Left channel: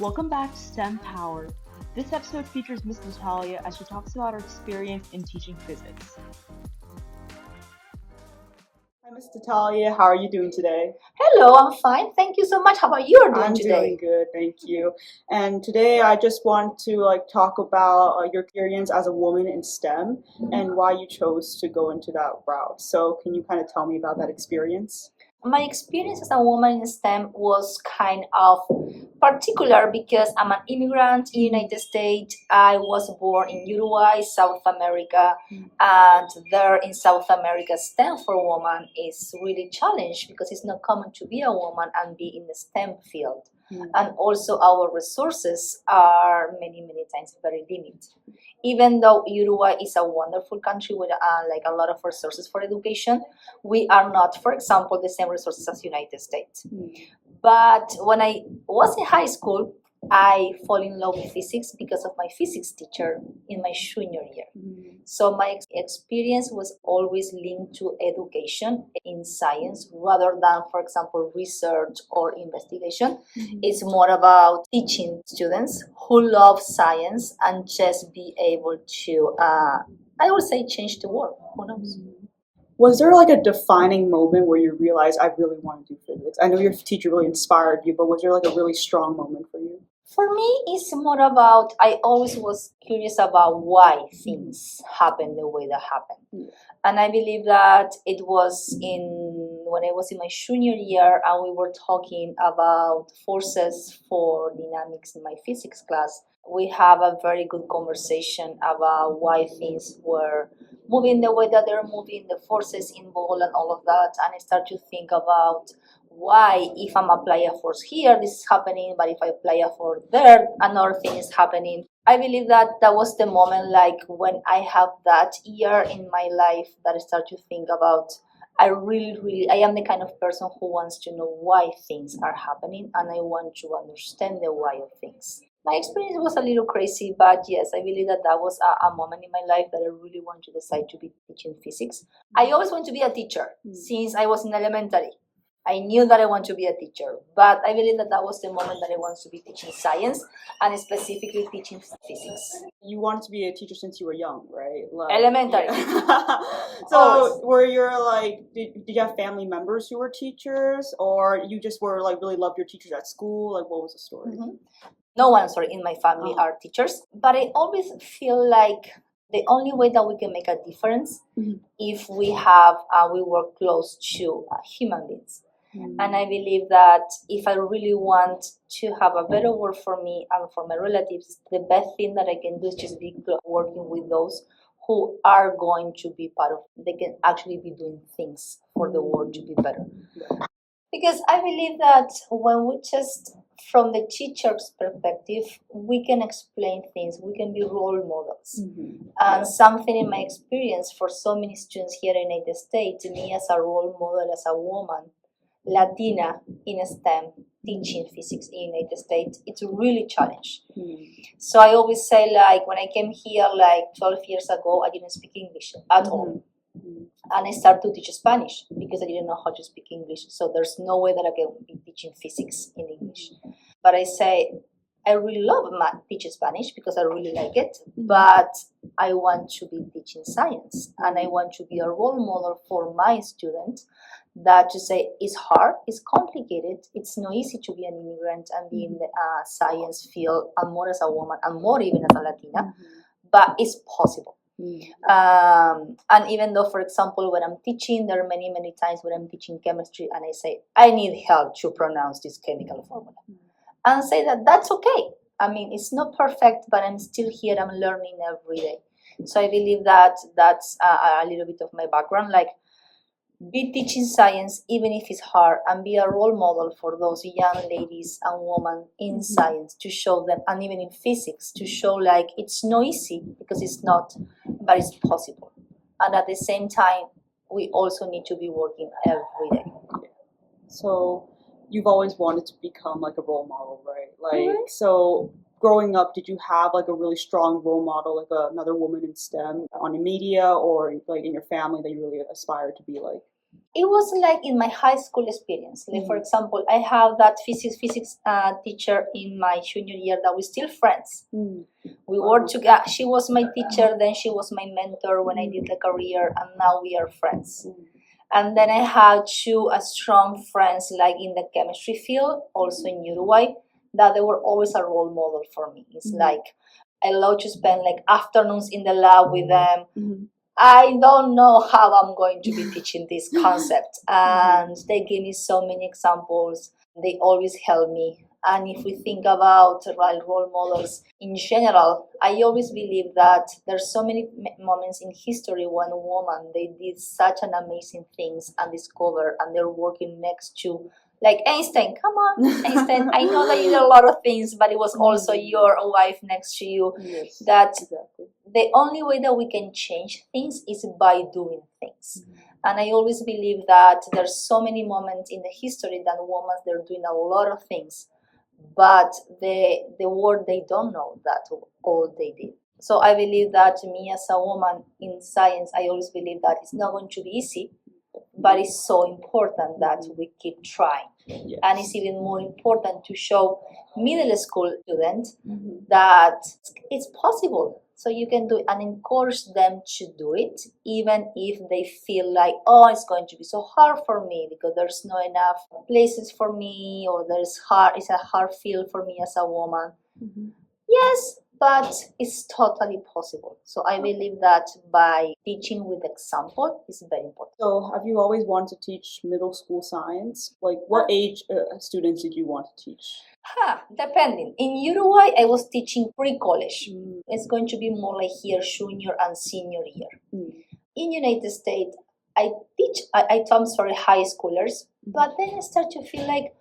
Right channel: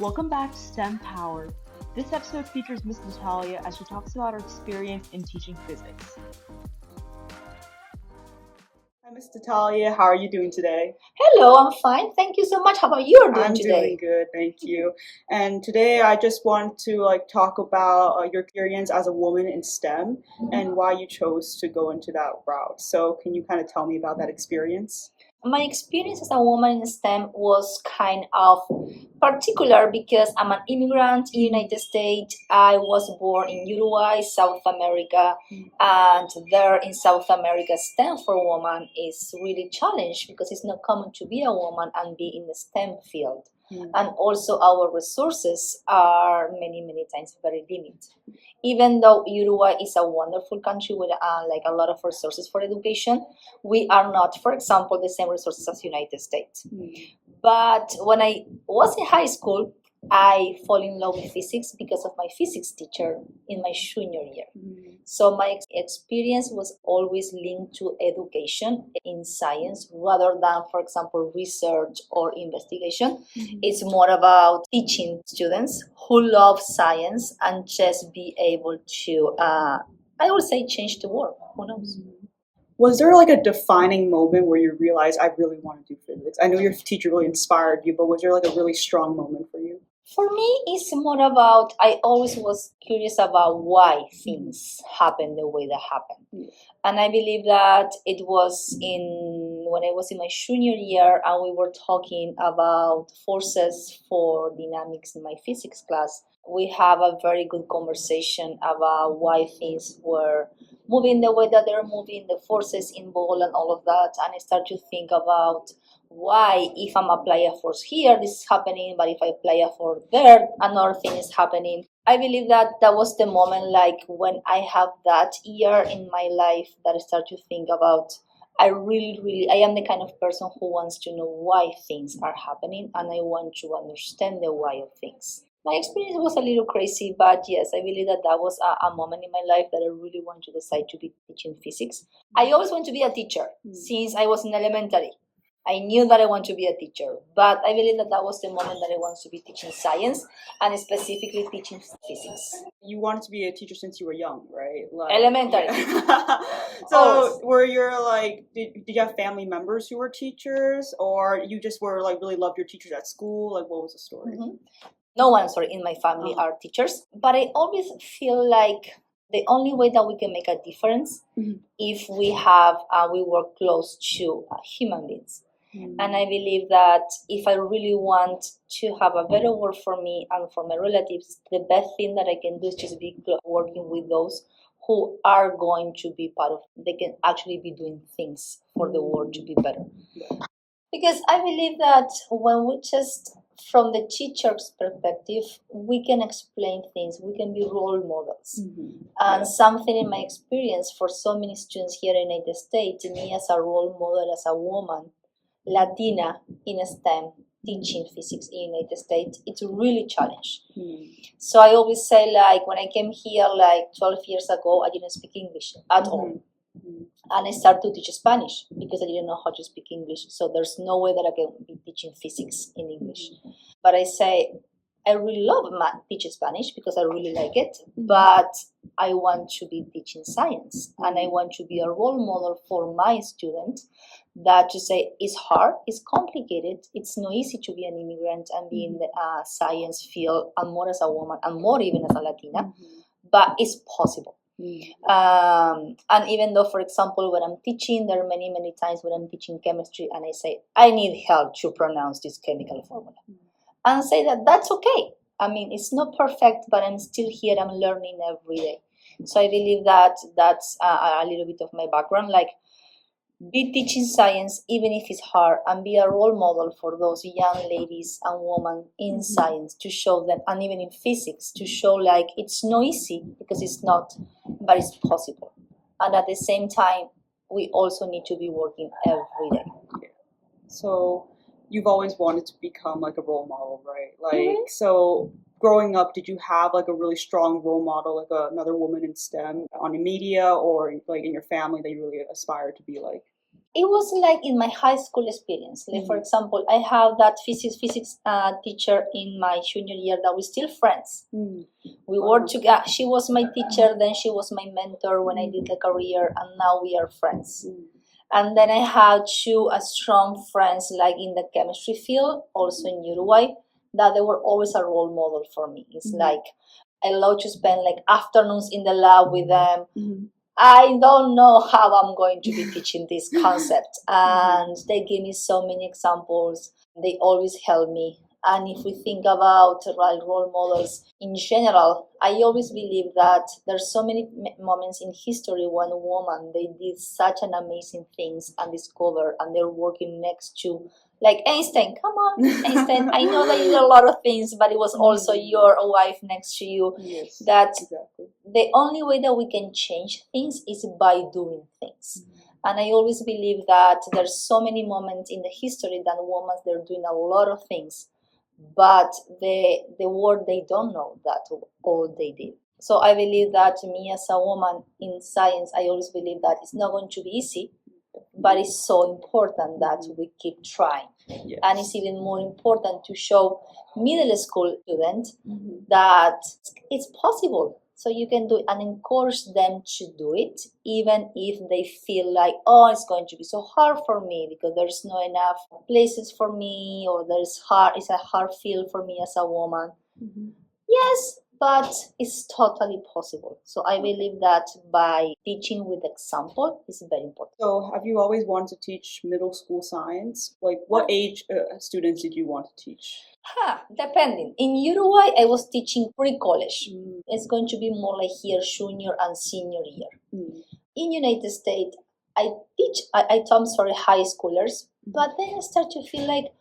Welcome back to STEM Powered. This episode features Miss Natalia as she talks about her experience in teaching physics. Hi, Miss Natalia. How are you doing today? Hello, I'm fine. Thank you so much. How about you doing today? I'm doing good, thank you. And today I just want to talk about your experience as a woman in STEM and why you chose to go into that route. So can you kind of tell me about that experience? My experience as a woman in STEM was kind of particular because I'm an immigrant in the United States. I was born in Uruguay, South America, and there in South America, STEM for women is really challenged because it's not common to be a woman and be in the STEM field. And also our resources are many times very limited. Even though Uruguay is a wonderful country with a lot of resources for education, we are not, for example, the same resources as United States. But when I was in high school, I fall in love with physics because of my physics teacher in my junior year. So my experience was always linked to education in science rather than, for example, research or investigation. It's more about teaching students who love science and just be able to, I would say, change the world. Who knows? Was there a defining moment where you realized I really want to do physics? I know your teacher really inspired you, but was there a really strong moment for you? For me, it's more about, I always was curious about why things happen the way they happen. And I believe that it was when I was in my junior year and we were talking about forces for dynamics in my physics class. We have a very good conversation about why things were moving the way that they're moving, the forces involved and all of that. And I start to think about why, if I'm applying a force here, this is happening, but if I apply a force there, another thing is happening. I believe that was the moment, when I have that year in my life that I start to think about, I am the kind of person who wants to know why things are happening, and I want to understand the why of things. My experience was a little crazy, but yes, I believe that was a moment in my life that I really want to decide to be teaching physics. I always want to be a teacher since I was in elementary. I knew that I want to be a teacher, but I believe that was the moment that I want to be teaching science and specifically teaching physics. You wanted to be a teacher since you were young, right? Elementary. Yeah. So were you did you have family members who were teachers, or you just were really loved your teachers at school? What was the story? No one, in my family are teachers, but I always feel like the only way that we can make a difference if we work close to human beings. And I believe that if I really want to have a better world for me and for my relatives, the best thing that I can do is just be working with those who are going to be they can actually be doing things for the world to be better. Because I believe that when we just, from the teacher's perspective, we can explain things, we can be role models. And something in my experience for so many students here in the United States, me as a role model, as a woman, Latina in STEM, teaching physics in the United States, it's really challenged. So I always say, when I came here 12 years ago, I didn't speak English at all. And I started to teach Spanish because I didn't know how to speak English. So there's no way that I can be teaching physics in English. But I say, I really love teaching Spanish because I really like it. But I want to be teaching science. And I want to be a role model for my students that to say it's hard, it's complicated, it's not easy to be an immigrant and be in the science field, and more as a woman, and more even as a Latina. But it's possible. And even though, for example, when I'm teaching, there are many times when I'm teaching chemistry and I say, I need help to pronounce this chemical formula. And say that's okay. I mean, it's not perfect, but I'm still here, I'm learning every day. So I believe that's a little bit of my background, be teaching science even if it's hard, and be a role model for those young ladies and women in science, to show them, and even in physics, to show it's not easy, because it's not, but it's possible. And at the same time, we also need to be working every day. So you've always wanted to become a role model, right? So growing up, did you have like a really strong role model, like another woman in STEM on the media or like in your family that you really aspired to be like? It was like in my high school experience. Like for example, I have that physics teacher in my junior year that we're still friends. We worked together. She was my teacher, then she was my mentor when I did the career, and now we are friends. And then I had two strong friends like in the chemistry field, also in Uruguay, that they were always a role model for me. It's like I love to spend like afternoons in the lab with them. I don't know how I'm going to be teaching this concept. And they give me so many examples. They always help me. And if we think about role models in general, I always believe that there's so many moments in history when women, they did such an amazing things and discover, and they're working next to like Einstein. Come on, Einstein. I know that you did a lot of things, but it was also your wife next to you. Yes, that exactly. The only way that we can change things is by doing things. And I always believe that there's so many moments in the history that women, they're doing a lot of things, but the world, they don't know that all they did. So I believe that me as a woman in science, I always believe that it's not going to be easy, but it's so important that we keep trying. Yes. And it's even more important to show middle school students that it's possible. So you can do it and encourage them to do it, even if they feel like, oh, it's going to be so hard for me because there's not enough places for me, or it's a hard field for me as a woman. Yes, but it's totally possible. So I believe that by teaching with example is very important. So have you always wanted to teach middle school science? Like what age students did you want to teach? Depending. In Uruguay, I was teaching pre-college. It's going to be more like here, junior and senior year. In United States, I taught high schoolers, but then I start to feel like,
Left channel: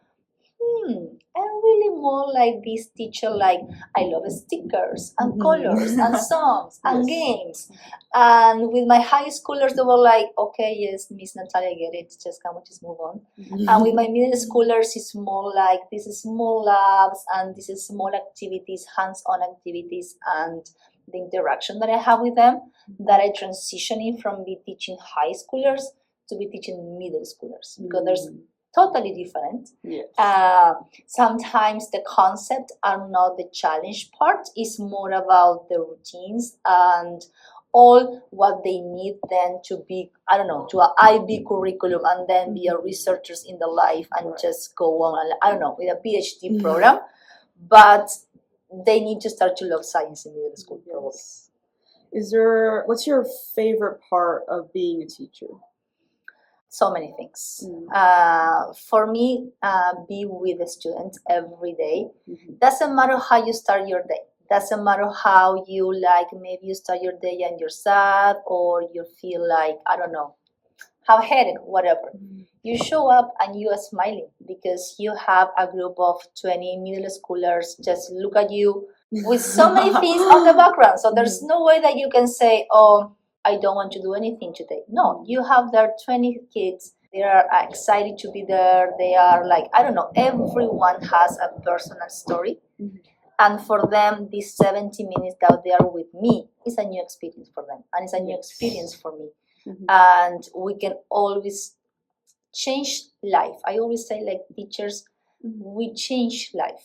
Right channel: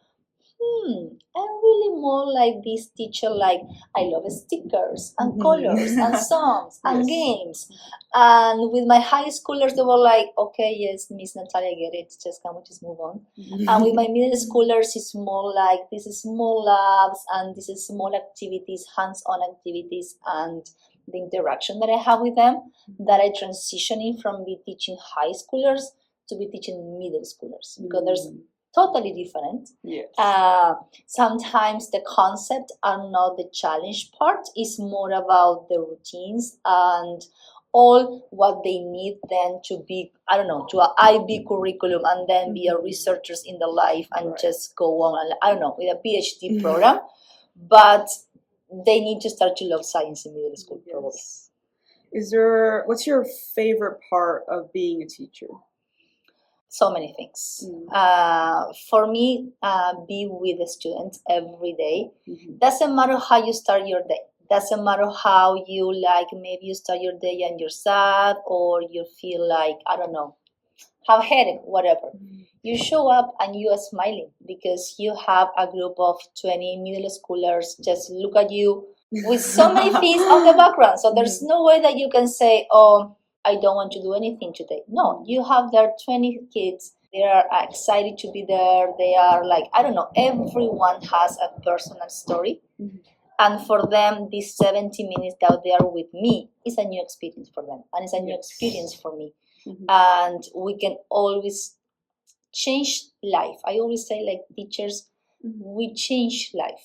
I'm really more like this teacher, like I love stickers and colors and songs and games. And with my high schoolers, they were like, okay, yes, Miss Natalia, I get it, can we just move on? And with my middle schoolers, it's more like this is small labs and this is small activities, hands-on activities, and the interaction that I have with them, that I transitioning from be teaching high schoolers to be teaching middle schoolers, because there's totally different. Yes. Sometimes the concept are not the challenge part. It's more about the routines and all what they need then to be, I don't know, to an IB curriculum and then be a researchers in the life and just go on, I don't know, with a PhD program. But they need to start to love science in middle school, probably. What's your favorite part of being a teacher? So many things. For me, be with the students every day. Doesn't matter how you start your day. Doesn't matter how you like, maybe you start your day and you're sad, or you feel like, I don't know, have a headache, whatever. You show up and you are smiling because you have a group of 20 middle schoolers just look at you with so many things on the background. So there's no way that you can say, oh, I don't want to do anything today. No, you have there 20 kids. They are excited to be there. They are like, I don't know, everyone has a personal story. And for them, these 70 minutes that they are with me is a new experience for them. And it's a new experience for me. And we can always change life. I always say, like teachers, we change life.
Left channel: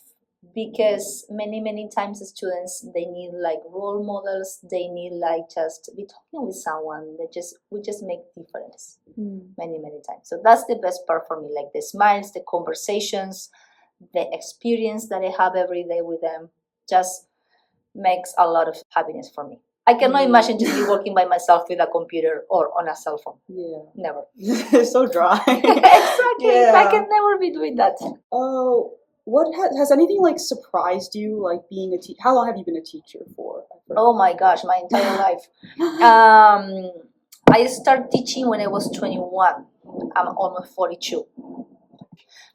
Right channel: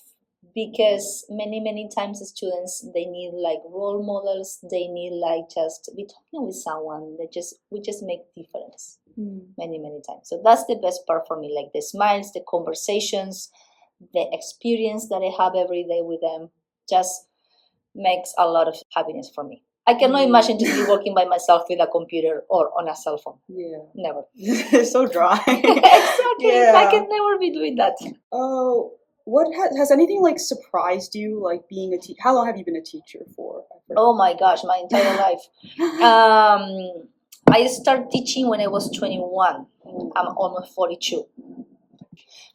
Because many times the students, they need like role models, they need like just be talking with someone that we just make difference many times. So that's the best part for me, like the smiles, the conversations, the experience that I have every day with them just makes a lot of happiness for me. I cannot imagine just be working by myself with a computer or on a cell phone. Never. It's so dry. Exactly. I can never be doing that. Oh, what has anything like surprised you, like being a teacher? How long have you been a teacher for? Oh my gosh, my entire life. I started teaching when I was 21. I'm almost 42.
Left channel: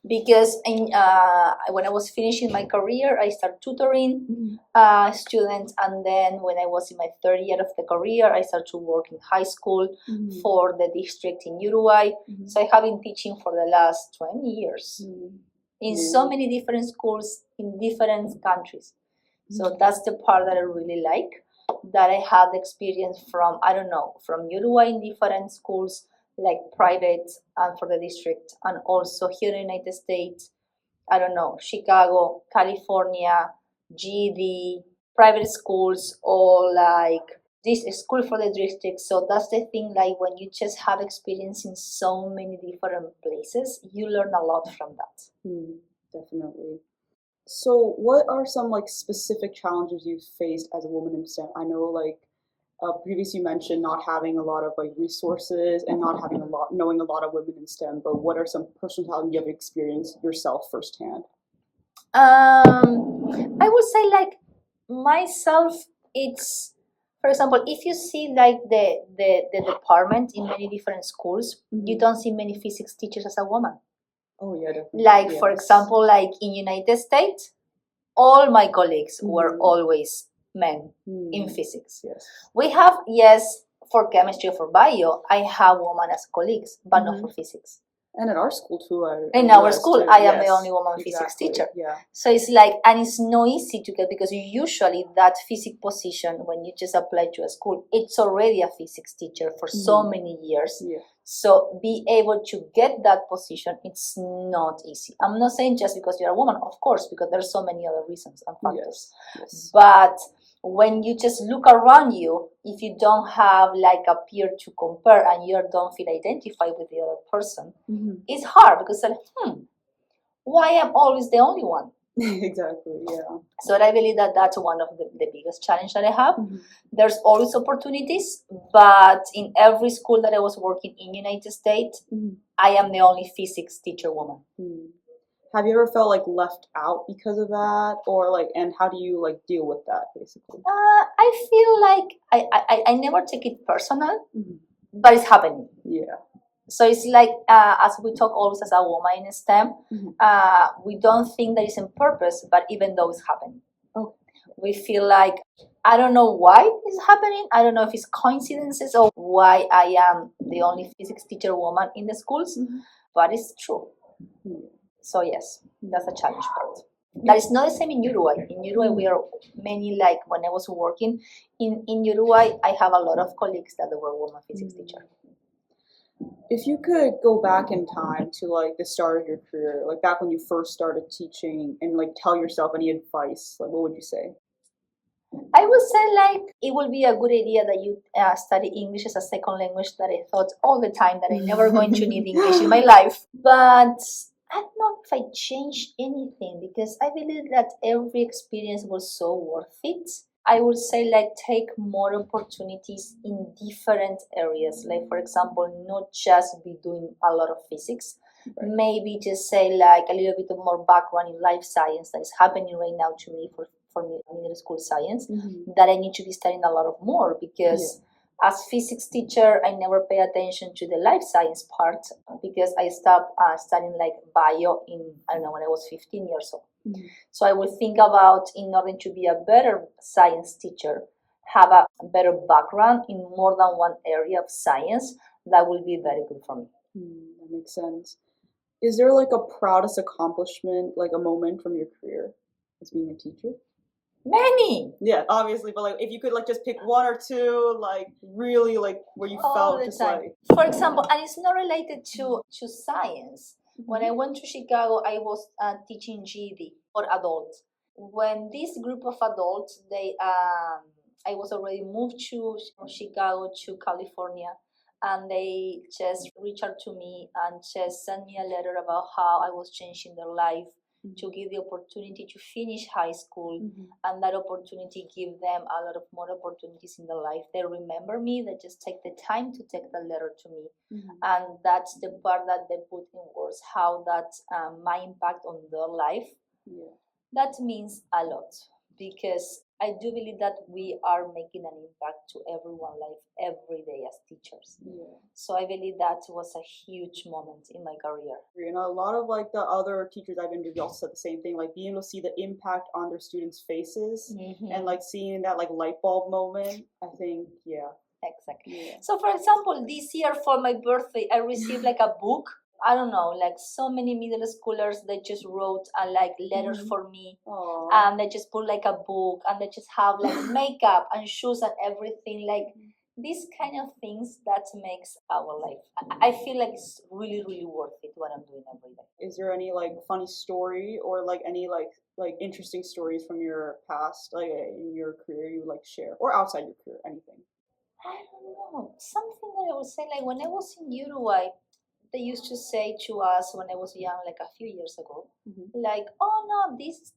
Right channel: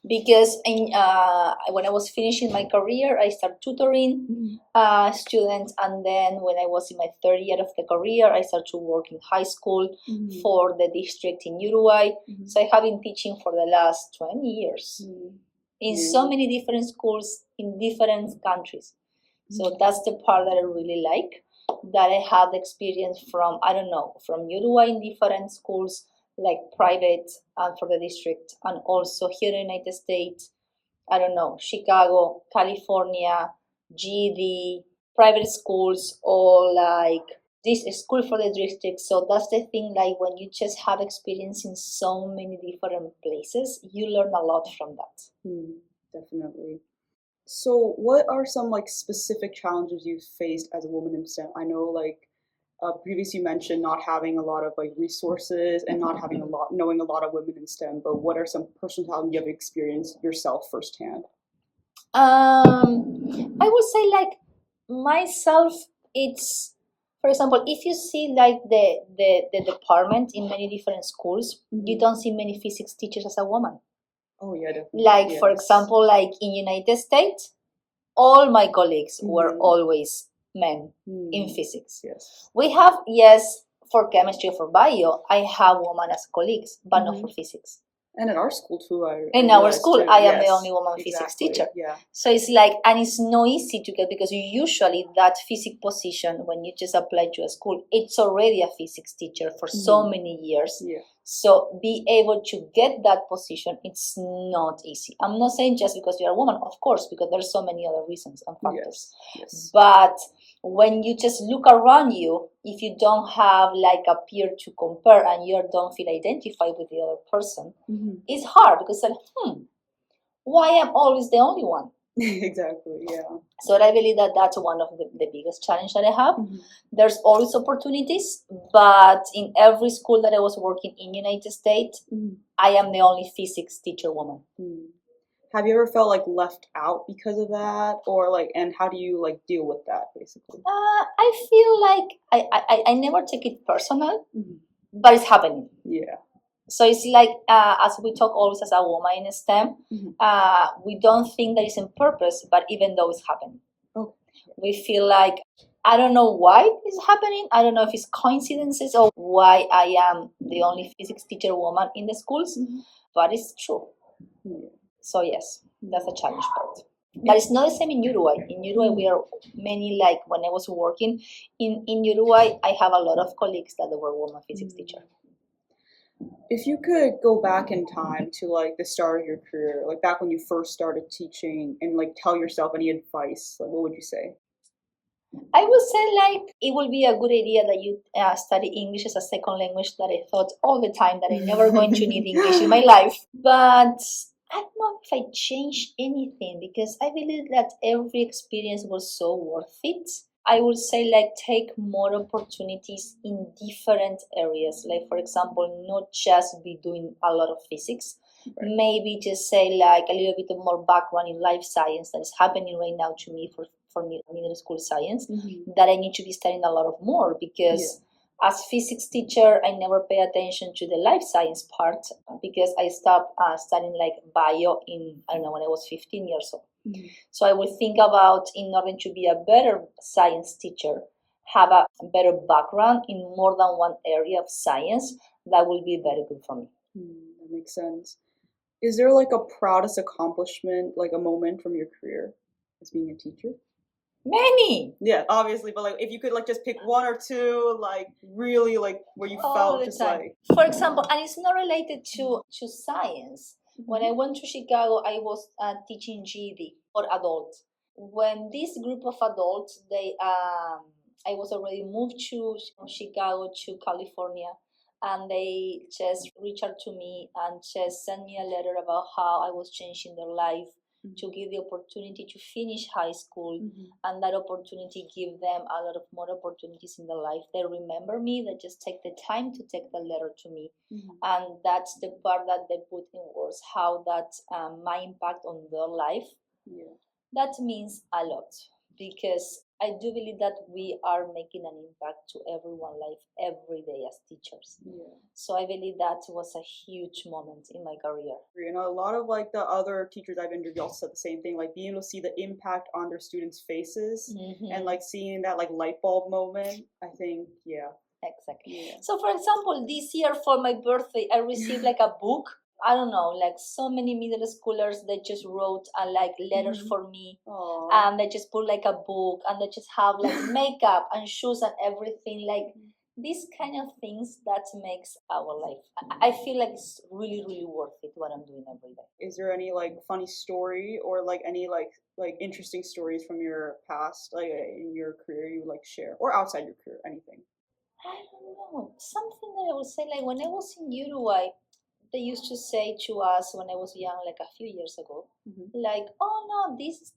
Because when I was finishing my career, I started tutoring students, and then when I was in my third year of the career, I started to work in high school for the district in Uruguay. So I have been teaching for the last 20 years in so many different schools in different countries. So that's the part that I really like, that I had experience from, I don't know, from Uruguay in different schools, like private and for the district, and also here in the United States, I don't know, Chicago, California, GD, private schools, or like this school for the district. So that's the thing, like when you just have experience in so many different places, you learn a lot from that. Definitely. So what are some like specific challenges you've faced as a woman in STEM? I know like previously you mentioned not having a lot of like resources and not having knowing a lot of women in STEM, but what are some personal challenges you have experienced yourself firsthand? I would say like myself, it's, for example, if you see like the department in many different schools, you don't see many physics teachers as a woman. Oh yeah, definitely. Like for example, like in United States, all my colleagues were always men in physics. Yes. We have, yes, for chemistry or for bio, I have women as colleagues, but not for physics. And in our school too. In our school, I am the only woman physics teacher. Yeah. So it's like, and it's not easy to get, because usually that physics position, when you just apply to a school, it's already a physics teacher for so many years. Yeah. So be able to get that position, it's not easy. I'm not saying just because you're a woman, of course, because there's so many other reasons and factors. Yes. But when you just look around you, if you don't have like a peer to compare and you don't feel identified with the other person, it's hard, because like, why am I always the only one? Exactly, yeah. So I believe that that's one of the biggest challenge that I have. There's always opportunities, but in every school that I was working in United States, I am the only physics teacher woman. Have you ever felt like left out because of that, or like, and how do you like deal with that basically? I feel like I never take it personal, but it's happening. Yeah. So it's like, as we talk always as a woman in STEM, we don't think that it's on purpose, but even though it's happening, we feel like, I don't know why it's happening. I don't know if it's coincidences or why I am the only physics teacher woman in the schools, but it's true. So yes, that's a challenge part. But it's not the same in Uruguay. In Uruguay, we are many, like when I was working in Uruguay, I have a lot of colleagues that were women physics teacher. If you could go back in time to like the start of your career, like back when you first started teaching, and like tell yourself any advice, like what would you say? I would say like it would be a good idea that you study English as a second language, that I thought all the time that I'm never going to need English in my life. But I don't know if I changed anything, because I believe that every experience was so worth it. I would say like take more opportunities in different areas. Like for example, not just be doing a lot of physics. Maybe just say like a little bit of more background in life science that is happening right now to me for middle school science, that I need to be studying a lot of more, because as physics teacher, I never pay attention to the life science part, because I stopped studying like bio in, I don't know, when I was 15 years old. So I would think about, in order to be a better science teacher, have a better background in more than one area of science. That will be very good for me. That makes sense. Is there like a proudest accomplishment, like a moment from your career as being a teacher? Many. Yeah, obviously, but like if you could like just pick one or two, like really like where you felt just like. For example, and it's not related to science. When I went to Chicago, I was teaching GED for adults. When this group of adults, I was already moved to Chicago to California, and they just reached out to me and just sent me a letter about how I was changing their life, to give the opportunity to finish high school, and that opportunity give them a lot of more opportunities in their life. They remember me, they just take the time to take the letter to me, and that's the part that they put in words, how that my impact on their life. That means a lot, because I do believe that we are making an impact to everyone's life every day as teachers. So I believe that was a huge moment in my career. You know, a lot of like the other teachers I've interviewed also said the same thing, like being able to see the impact on their students' faces, and like seeing that like light bulb moment. I think, Exactly. So for example, this year for my birthday, I received like a book I don't know, like so many middle schoolers, they just wrote like letters Mhm. for me, Aw. and they just put like a book, and they just have like makeup and shoes and everything, like these kind of things that makes our life. I feel like it's really, really worth it what I'm doing every day. Is there any like funny story or like any like interesting stories from your past, like in your career you would like share, or outside your career, anything? I don't know. Something that I would say, like when I was in Uruguay, they used to say to us when I was young, like a few years ago, Mhm. like, "Oh no, this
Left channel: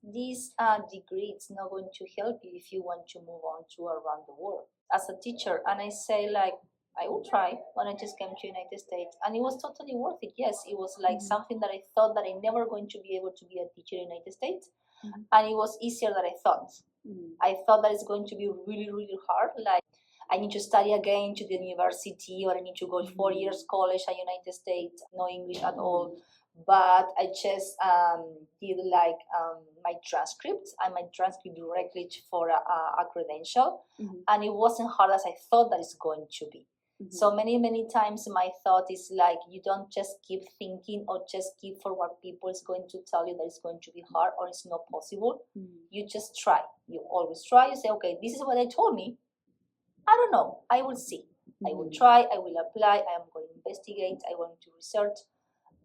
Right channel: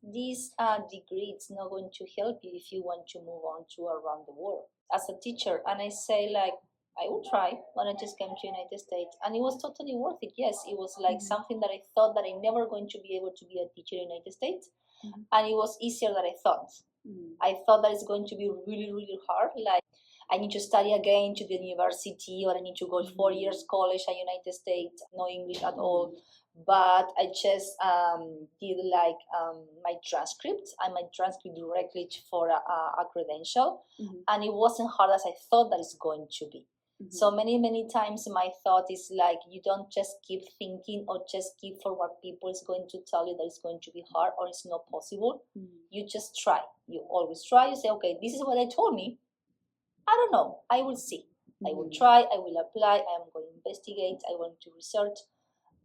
degree is not going to help you if you want to move on to around the world as a teacher." And I say, like, I will try when I just came to United States, and it was totally worth it. Yes, it was like Mhm. something that I thought that I never going to be able to be a teacher in United States, Mhm. and it was easier than I thought. Mhm. I thought that it's going to be really, really hard. Like I need to study again to the university, or I need to go 4 years college at United States, no English at all. But I just did like my transcript and my transcript directly for a credential, Mhm. and it wasn't hard as I thought that it's going to be. So many times my thought is like you don't just keep thinking or just keep for what people is going to tell you that it's going to be hard or it's not possible. You just try. You always try. You say, okay, this is what they told me. I don't know. I will see. I will try. I will apply. I am going to investigate. I want to research,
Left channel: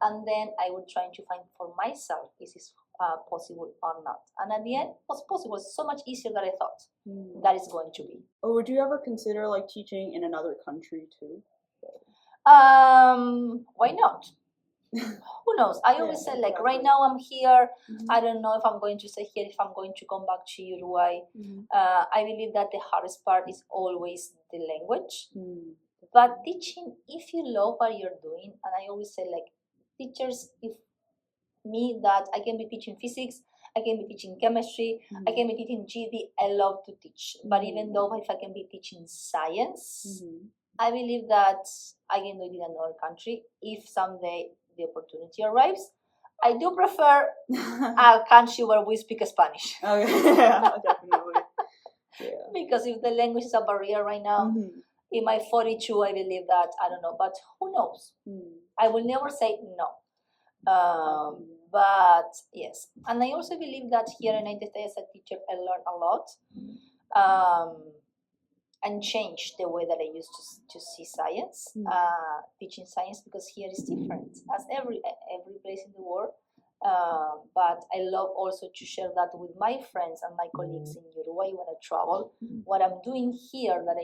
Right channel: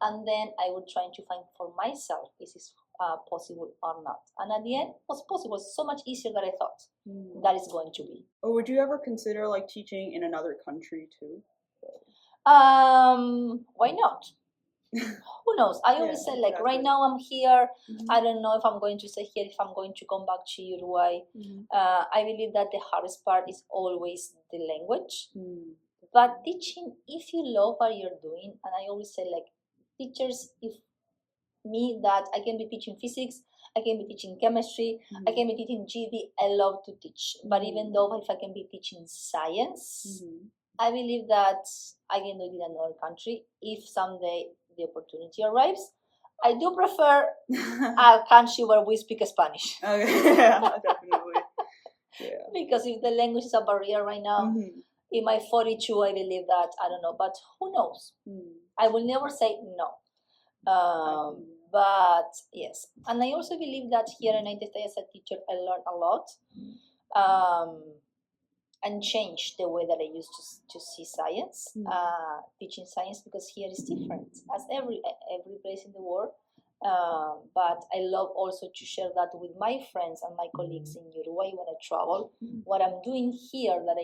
and then I will try to find for myself is this possible or not. And at the end, it was possible. It's so much easier than I thought that is going to be. Or would you ever consider like teaching in another country too? Why not? Who knows? I always say like right now I'm here. I don't know if I'm going to stay here, if I'm going to come back to Uruguay. I believe that the hardest part is always the language. But teaching, if you love what you're doing, and I always say like teachers, if me that I can be teaching physics, I can be teaching chemistry, I can be teaching GD. I love to teach. But even though if I can be teaching science, I believe that I can do it in another country if someday the opportunity arrives. I do prefer a country where we speak Spanish. Okay, yeah, definitely. Yeah. Because if the language is a barrier right now, in my 42, I believe that, I don't know, but who knows? I will never say no. But yes, and I also believe that here in United States, as a teacher, I learned a lot. And change the way that I used to see science, teaching science, because here is different as every place in the world. But I love also to share that with my friends and my colleagues in Uruguay when I travel. What I'm doing here that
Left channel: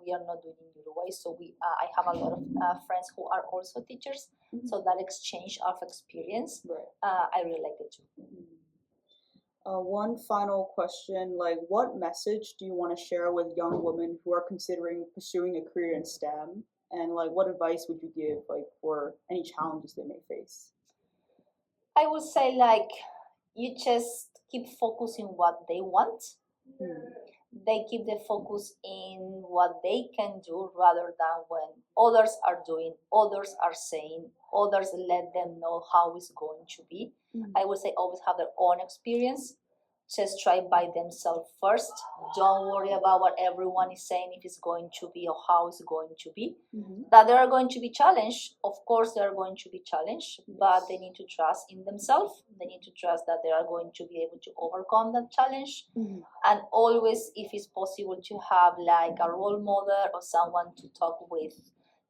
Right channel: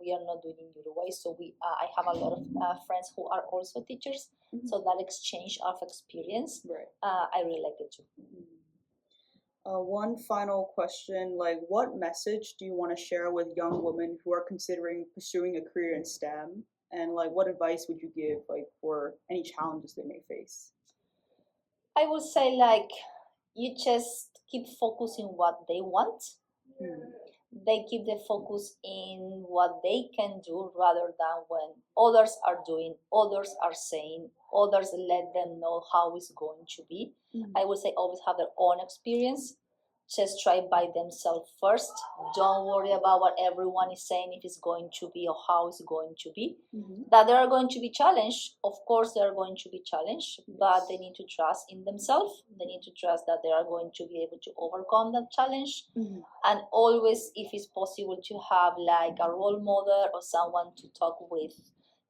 we are not doing in Uruguay. So I have a lot of friends who are also teachers. So that exchange of experience, I really like it too. One final question, like what message do you want to share with young women who are considering pursuing a career in STEM? And like what advice would you give like for any challenges they may face? I would say like you just keep focusing what they want. They keep the focus in what they can do rather than when others are doing, others are saying, others let them know how it's going to be. I would say always have their own experience. Just try by themselves first. Don't worry about what everyone is saying, if it's going to be or how it's going to be. That they are going to be challenged. Of course, they are going to be challenged, but they need to trust in themselves. They need to trust that they are going to be able to overcome that challenge. And always, if it's possible, to have like a role model or someone to talk with,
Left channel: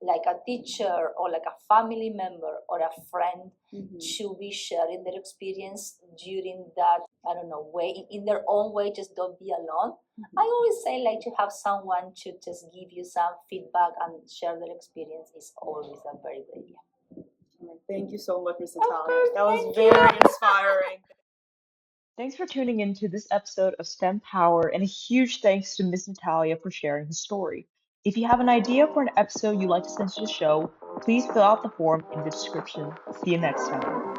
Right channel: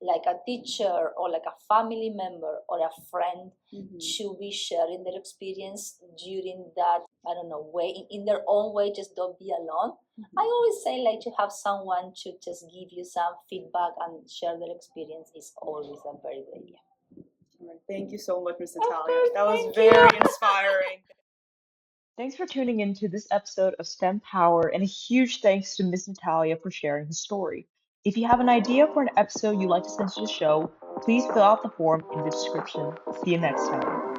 like a teacher or like a family member or a friend, to be sharing their experience during that, I don't know, way, in their own way. Just don't be alone. I always say like to have someone to just give you some feedback and share their experience is always a very good idea. All right. Thank you so much, Ms. Natalia. That was very inspiring. Thanks for tuning in to this episode of STEM Power, and a huge thanks to Ms. Natalia for sharing her story. If you have an idea for an episode you'd like to send to the show, please fill out the form in the description. See you next time.